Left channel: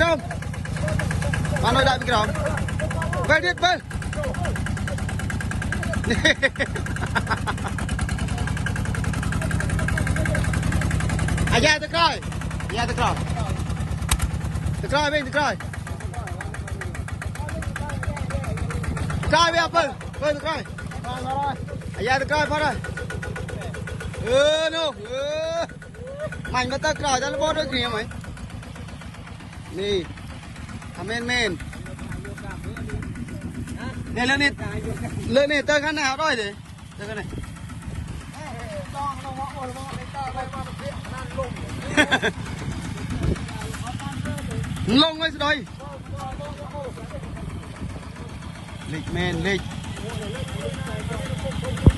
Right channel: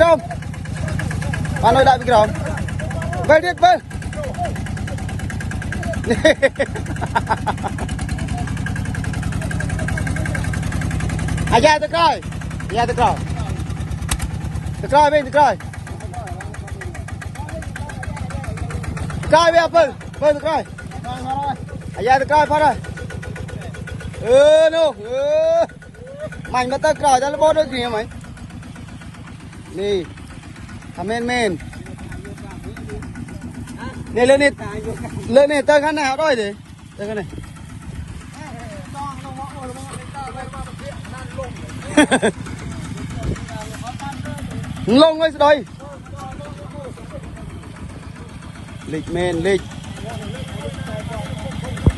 กรอมมาหน่อยได้พี่กรอมไปดิไปอาญาตะกร้อยอาญาตะกร้อยตะกร้อยเป็นตะกร้อยตะกร้อยไปเอาไปตะกร้อยอาญาตะกร้อยพอได้นู่มันมาตะกร้อยจะระเบิดด้วยสิไหมนี่ทำเมนเนี่ยเรื่องนี้เติมขันหนาวด้วยดิเติมขันไหนลงเลยสิดอยลิกเมนลิก